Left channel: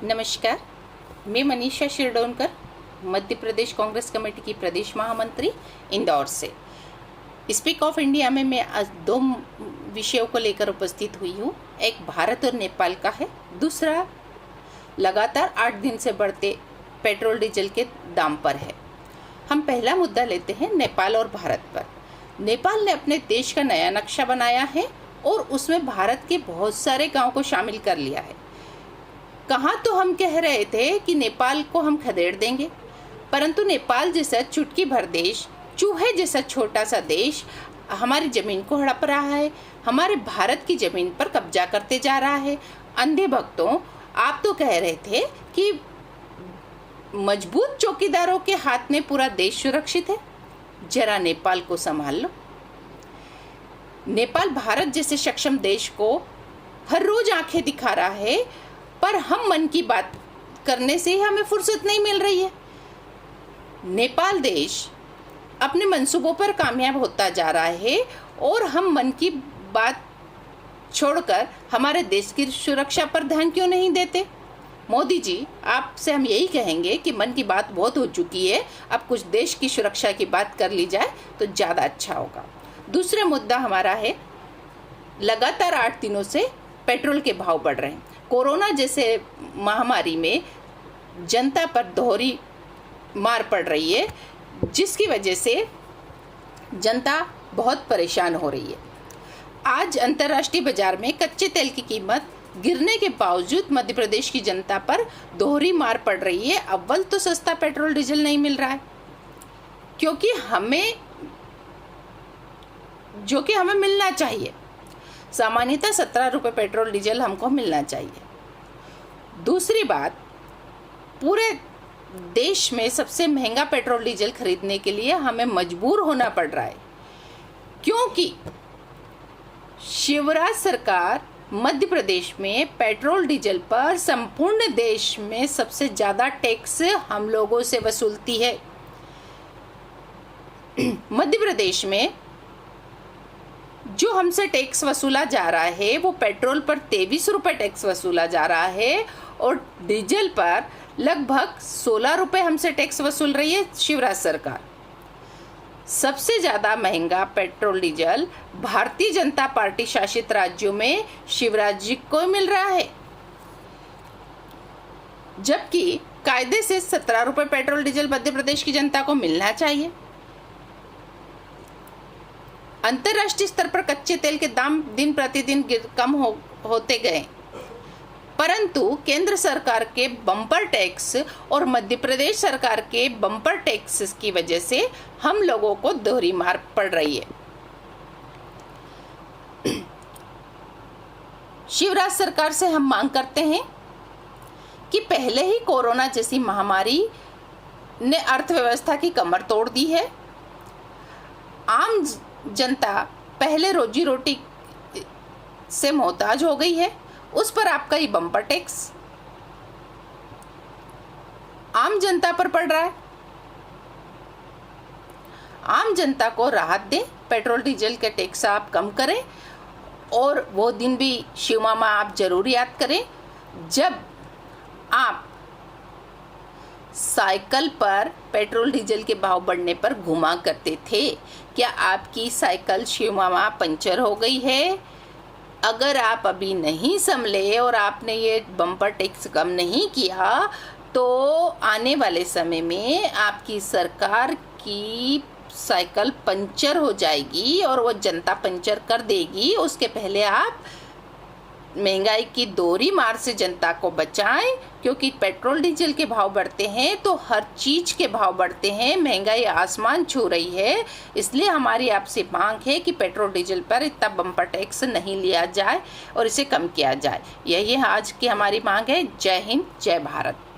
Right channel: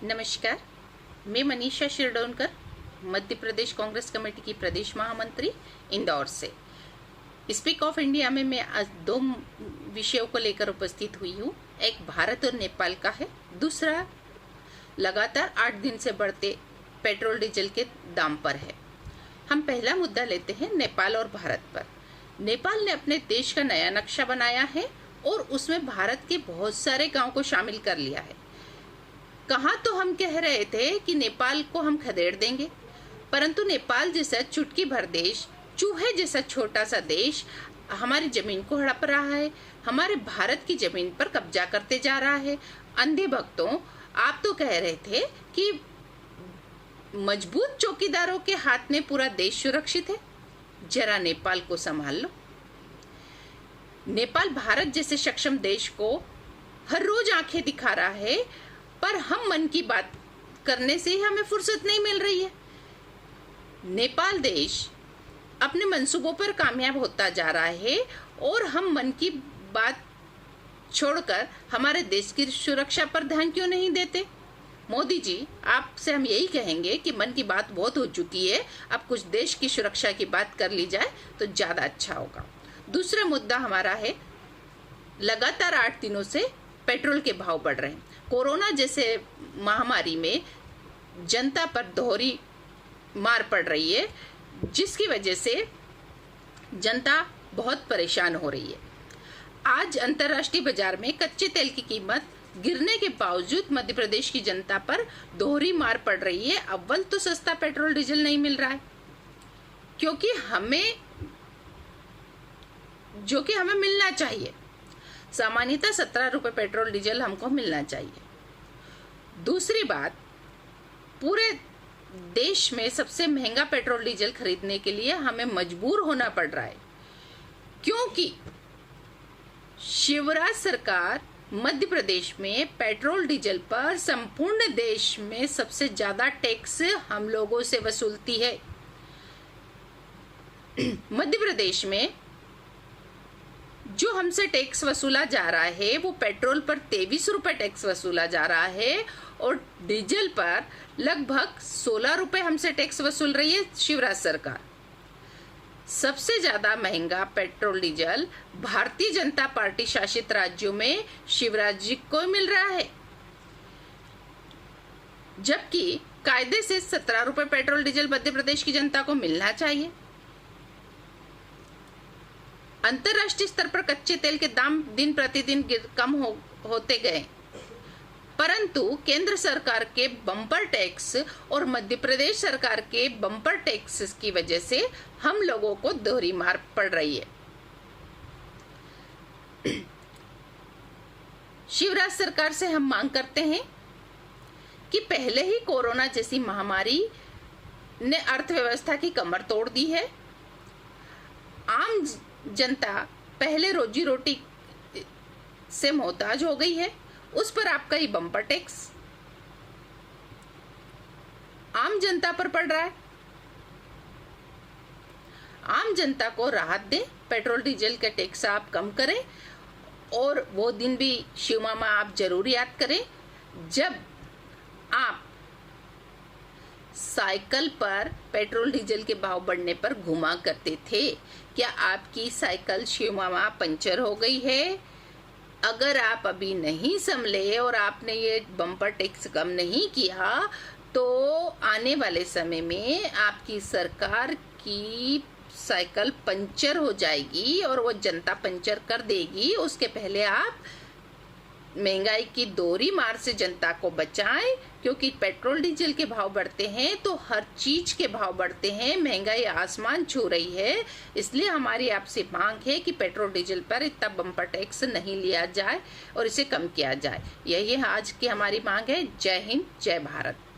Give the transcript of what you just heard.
नमस्कार, मैं मनीषा शिरडोनकर, मध्य प्रदेश कांग्रेस कमेटी की प्रदेश महामंत्री, इंदौर से। स्पीक ऑफ इंडिया में मैं आज दो विषयों को लेकर उपस्थित हुई हूँ। एक भारत और नेपाल का है, दूसरा लगातार 8 दिन से बढ़ते पेट्रोल डीजल के दाम पर है। हम पहला मुद्दा लेते हैं नेपाल और भारत पर। नेपाल ने अपने देश का नया नक्शा बनाया है और उसमें भारत के बहुत सारे गांव को शामिल कर लिया है। कहाँ तो हम कह रहे थे कि नेपाल को हम खदेड़ देंगे, परंतु नेपाल जैसा चुटकी भर देश, चूहे जैसा छोटा सा देश हमारी जमीन को हड़प रहा है, हमारे भारत की जमीन पर कब्जा करते जा रहा है। अंधे भक्तों, आप तो कह रहे थे कि मजबूत चौकीदारों के हाथ में पूरा देश सुरक्षित है। जरा नेपाल को संभाल लो। नेपाल भारत जैसे सक्षम देश को हर रोज आंखें दिखा रहा है, पर हम मन की बात करने से ही हमें फुर्सत नहीं मिल रही है। नेपाल देश अपने मंसूबों पर कामयाब होता जा रहा है और हम मन की बात छोड़कर हमारे देश की सुरक्षा पर ध्यान क्यों नहीं देते। मोदी जी, आपसे हम यही कहेंगे कि मन की बात बहुत हो चुकी है, अब कुछ देश की सुरक्षा की बात कर ली जाए तो ज्यादा अच्छा होगा। दूसरा मुद्दा हमारा है, लगातार 8 दिनों से पेट्रोल के भाव बढ़ रहे हैं। कोरोना जैसे महामारी में जनता पर दोहरी मार पड़ रही है, जिसकी वजह से जनता बहुत परेशान हो रही है। आज अंतर्राष्ट्रीय बाजार में कच्चे तेल की कीमत गिरने के बावजूद मध्य प्रदेश की जनता पर दोहरी मार पड़ रही है। अव्वल तो सस्ता पेट्रोल डीजल नहीं मिल रहा है, क्योंकि हमें मिलना चाहिए। सामान्यतः 17 रुपए पेट्रोल डीजल हमको मिलना चाहिए। दूसरी बात, पूरे देश में सबसे महंगा पेट्रोल डीजल खरीदने के लिए हमें मजबूर होना पड़ रहा है, क्योंकि शिवराज सरकार मध्य प्रदेश में पेट्रोल डीजल पर संपूर्ण देश में सबसे ज्यादा टैक्स हम लोगों से वसूलती है। मध्य प्रदेश में जो हमसे टैक्स वसूला जा रहा है वो पेट्रोल पर 23 रुपए टैक्स वसूला जा रहा है और डीजल पर लगभग 16 रुपए हमसे टैक्स वसूल रही है शिवराज सरकार। सबसे ज्यादा महंगा petrol diesel Bharatiya Janata party शासित राज्यों में शिवराज जी को मिल रहा है, जबकि कायदे से 17 रुपए पेट्रोल डीजल मध्य प्रदेश की जनता को मिलना चाहिए। अंतर्राष्ट्रीय स्तर पर कच्चे तेल के दाम दिन प्रतिदिन कम होते गए, परंतु केंद्र सरकार के बम्पर टैक्स और मध्य प्रदेश सरकार के बम्पर टैक्स की वजह से हम लोगों को दोहरी मार पड़ रही है। शिवराज सरकार से हम मांग करते हैं कि पहले ही कोरोना जैसी महामारी ने अर्थव्यवस्था की कमर तोड़ दी है। आम जनता पहले रोजी रोटी से मोहताज हो गई है, उस पर आपका ये बम्पर टैक्स आम जनता पर पड़ रहा है। आम जनता को राहत दें, पेट्रोल डीजल के टैक्स आप कम करें, और वो दिन भी शिव मामा आप जरूर याद करें जब आप साइकिल पर पेट्रोल डीजल के भाव बढ़ने पर घुमा करते थे। क्या आपकी साइकिल शिव मामा पंचर हो गई है? अगर आप अभी नहीं संभले और आपने ये बम्पर टैक्स कम नहीं किया तो आने वाले समय में आपकी सरकार की साइकिल पंचर हो जाएगी और वो जनता पंचर कर देगी। उसके पहले आप महंगाई की दोहरी मार से जनता को बचाएं, क्योंकि पेट्रोल डीजल के भाव बढ़ते हैं तो हर चीज के भाव बढ़ते हैं, महंगाई आसमान छू रही है। इसलिए हमारी आपसे मांग है कि पेट्रोल डीजल पर इतना बम्पर टैक्स नहीं लिया जाए और इसे कम किया जाए। यही आज की हमारी मांग है। जय हिंद, जय भारत।